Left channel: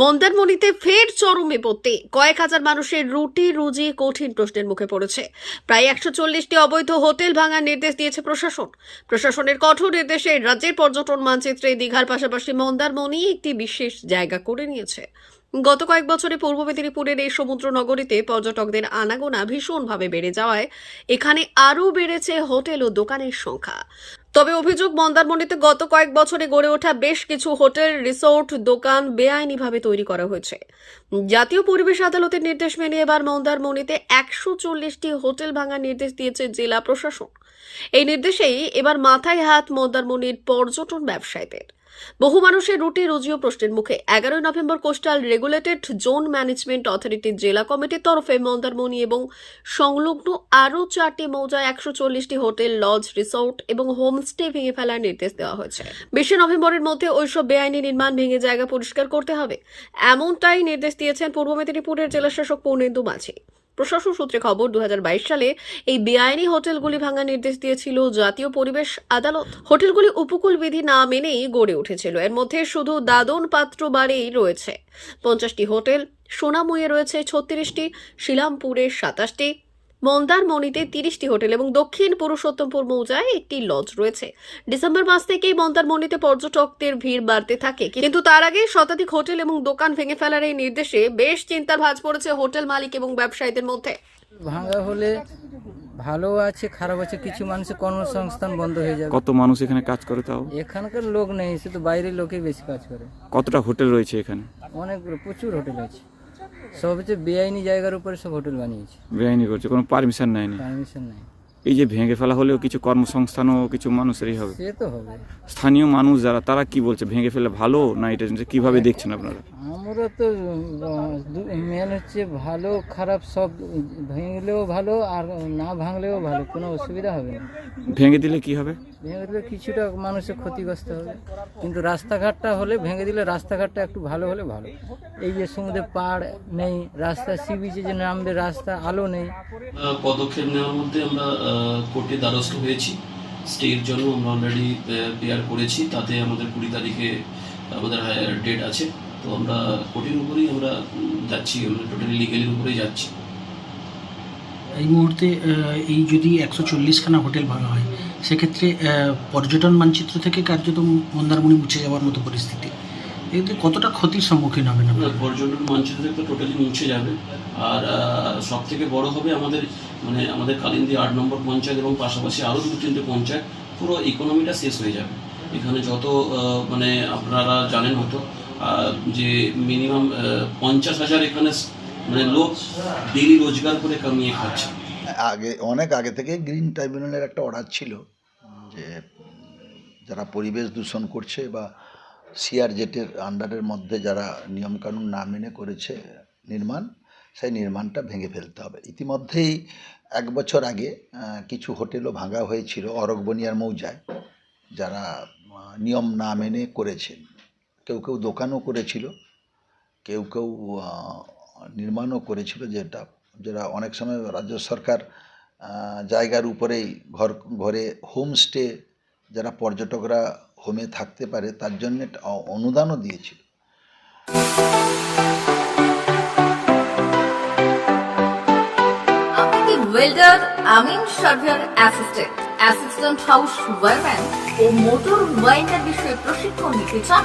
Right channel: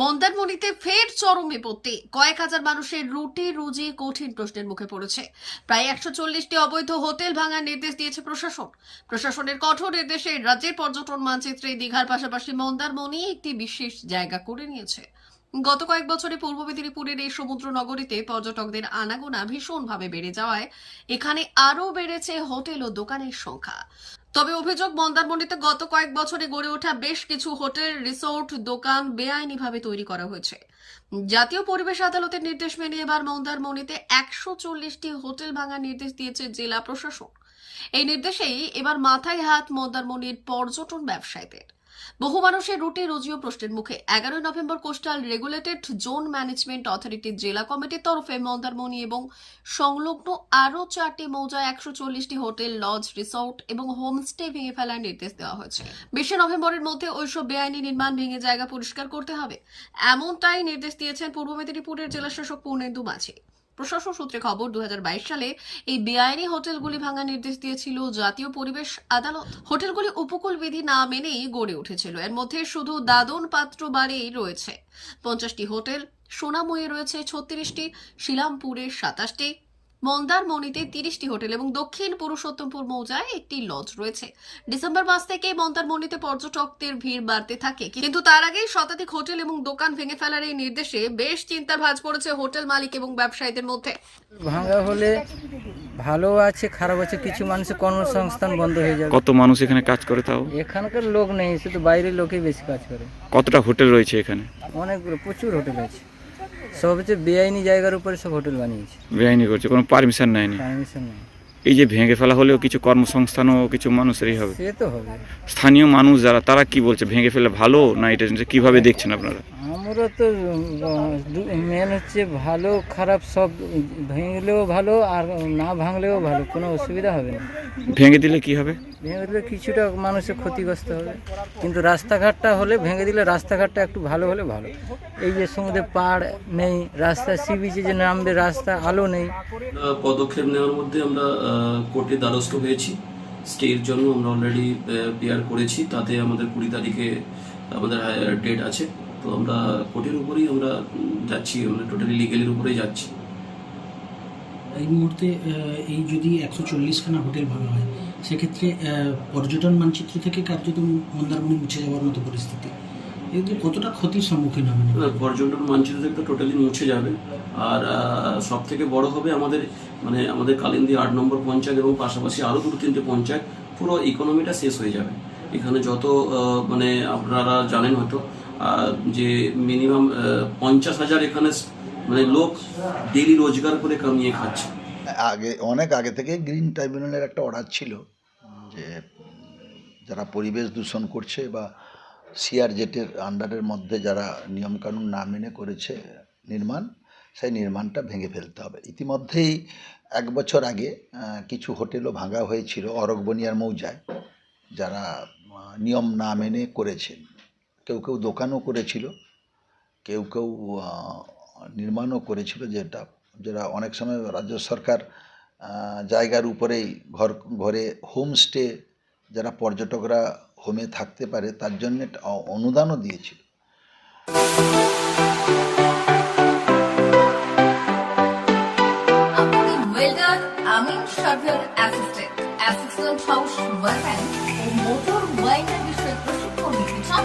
মন্দারমণিতে ফের চরমে পড়তে কয়েক হাজার মানুষের রুটি, রুজি, কঠিন প্রশ্নের মুখে পড়েছে। প্রায় একশো চল্লিশটি অবৈধ হোটেল ভাঙার নির্দেশ দিয়েছে প্রশাসন। প্রশাসনের কঠোর নির্দেশে রাজ্যের পর্যটন মানচিত্রে দীঘার পাশাপাশি মন্দারমণি একটি বিশেষ জায়গা করে নিয়েছে। গত কয়েক বছরে পূর্ব মেদিনীপুরের এই সমুদ্র নগরীতে পর্যটকদের আনাগোনা ভীষণভাবে বেড়ে যাওয়ায় এখানে আরও বেড়েছে হোটেল ও দোকানের সংখ্যা। তবে অভিযোগ, মন্দারমণিতে গত কয়েক বছরে গড়ে ওঠা বেশ কিছু হোটেল, রিসোর্ট, দোকান বেআইনিভাবে তৈরি করা হয়েছে। জাতীয় পরিবেশ আদালতের নির্দেশ মেনে এবার মন্দারমণিতে একশো চল্লিশটি হোটেল ভাঙার নির্দেশ দিয়েছে জেলা প্রশাসন। এই নির্দেশেই এবার মাথায় হাত মন্দারমণির পর্যটন ব্যবসায়ীদের। বহু মানুষের রুটি রুজিও প্রশ্নের মুখে। এগারোই November coastal regulated zone management অথরিটির জেলা কমিটির তরফে মন্দারমণি এবং সংলগ্ন আরও চারটি মৌজায় একশো চল্লিশটি হোটেল, লজ, রিসোর্ট এবং হোমস্টে ভেঙে ফেলার নির্দেশ দেওয়া হয়েছে। বিশে নভেম্বরের মধ্যে ওইসব বেআইনি নির্মাণ ভেঙে জায়গা পরিষ্কার করতে হবে। এমনটাই নির্দেশ দিয়েছেন পূর্ব মেদিনীপুরের জেলাশাসক পূর্ণেন্দু মাঝি। প্রশাসন সূত্রে খবর দু হাজার বাইশ সালে এই বেআইনি হোটেলগুলি ভাঙার নির্দেশ দিয়েছিল। জাতীয় পরিবেশ, আদালত হোটেলগুলি উপকূল বিধি না মেনেই গড়ে উঠেছিল। এর মধ্যে শুধু দাদন পাত্র বাড়েই রয়েছে। পঞ্চাশটি হোটেল সোনামুয়ে রয়েছে ছত্রিশটি, শিলামপুরে সাতাশটি মন্দারমণিতে তিরিশটি হোটেল এবং দক্ষিণ পুরুষোত্তমপুর মৌজায় একটি লজ রয়েছে। ডিসেম্বর মাস থেকেই মন্দারমণিতে পর্যটকদের ভিড় বাড়তে থাকে। কিন্তু তার আগেই শতাধিক হোটেল এবং দোকান ভেঙে ফেলার এই নির্দেশে বেশ চিন্তার ভাঁজ পড়েছে হোটেল মালিক এবং ব্যবসায়ীদের মধ্যে। ভাঙা হলে ভালো আছে খারাপ আছে কিছু মানুষের কর্মসংস্থান বন্ধ হয়ে যাবে। কত মানুষ এখানে কাজ করে তাও? এখানকার লোক নেই শুধু বাইরের লোকেই বেশি কাজ করে। কতটা হোটেল রয়েছে এখানে? অনেকগুলো প্রচুর হোটেল আছে। সব হচ্ছে বেআইনি জায়গার উপরে সব হোটেল বানিয়েছে। বেআইনি করছে কোনো পারমিশন নেয়নি। পারমিশন নেই। এই যে ভেঙে ফেলা হলেও কিছু কর্মসংস্থানও কিছু মানুষেরই হবে। সে তো হবে। স্থানীয় মানুষ যারা তারা কি বলছে? ভেঙে ফেলে ভালো না এটা কীভাবে দেখছেন আপনারা? আমরা তো মেন হচ্ছে ভালো খারাপ সব ভেঙলেও ভালো আর না ভাঙলেও ভালো কোনো অসুবিধা হবে না। ভেঙে দিলে কি হবে? ভেঙে দিলে কিছুটা মানুষের ক্ষতিগ্রস্ত হবে। কিন্তু রাস্তাঘাটটা হলে ভেঙে দিলে রাস্তাঘাটটা একটু ভালো হলে ভালো। এই যে সমুদ্রে পাড় নেই রাস্তা সি বিচে যে নামবে রাস্তা আলো নেই। পদক্ষেপ নেওয়ার মধ্যে আমরা কোর্টে দ্বারস্থ হয়েছি। স্টের জন্য আমরা অলরেডি পেয়ার করেছি। তাতে আমাদের কুড়ি তারিখে আমাদের ডেট আছে। তো আমরা কোর্টের উপরেই আমরা যাচ্ছি আমরা টোটালি লিগেলের উপরেই যাচ্ছি। এই মুহূর্তে এই যদি একশো চল্লিশখানা হোটেল ভাঙা হয় সেক্ষেত্রে পর্যটন মানচিত্র থেকে কার্যত মন্দারমণি মুছে যাওয়ার মতো পরিস্থিতি। এতে কতটা ক্ষতির সম্মুখীন হবেন আপনারা? পর্যটন মানচিত্র থেকে টোটালি মুছে যাবে। আর সব থেকে বড় হবে আমাদের মানে আমাদের কালিন্দি আট নম্বর পঞ্চায়েত এবং পাশাপাশি আরও দুটো তিনটে পঞ্চায়েত পুরো ইকোনমিটা শেষ হয়ে যাবে। এখানে যত মানে আপনারা জানেন হয়তো যে মিনিমাম পঞ্চাশ হাজার এখানে মানে লোক ডেলি রোজগার করে কামিয়ে খাচ্ছে। আগে, অনেক আগে থেকে গ্রিন ট্রাইব্যুনালের একটা অর্ডার ছিল যে যারা পরিবেশ দূষণ করছে বা সিআর জেটের আন্ডারের মধ্যে যারা নিয়মকানুন না মেনে করেছে নির্মাণ, সেই নির্মাণটা ভেঙে ফেলতে হবে। ইতিমধ্যেই এক বছর আগে কিছু হোটেলও ভাঙা হয়েছিল অরগবনিয়ার মৌজায়, যারা নিয়ম না মেনে করেছেন। কেউ কেউ দোকানও করেছিল, কেউ কেউ নির্মাণও করেছিল যেটা যেটা অনেক সময় রাজ্য সরকার জায়গার উপরেই ঘর, ঘরে হোমস্টে যারা পর্যটকরা হোমে থাকতে পারে তার জন্য অনুদানও দিয়েছিল। ও মোটর ওয়াইন্ডার বিষয়ে প্রশিক্ষণ নিতে চান?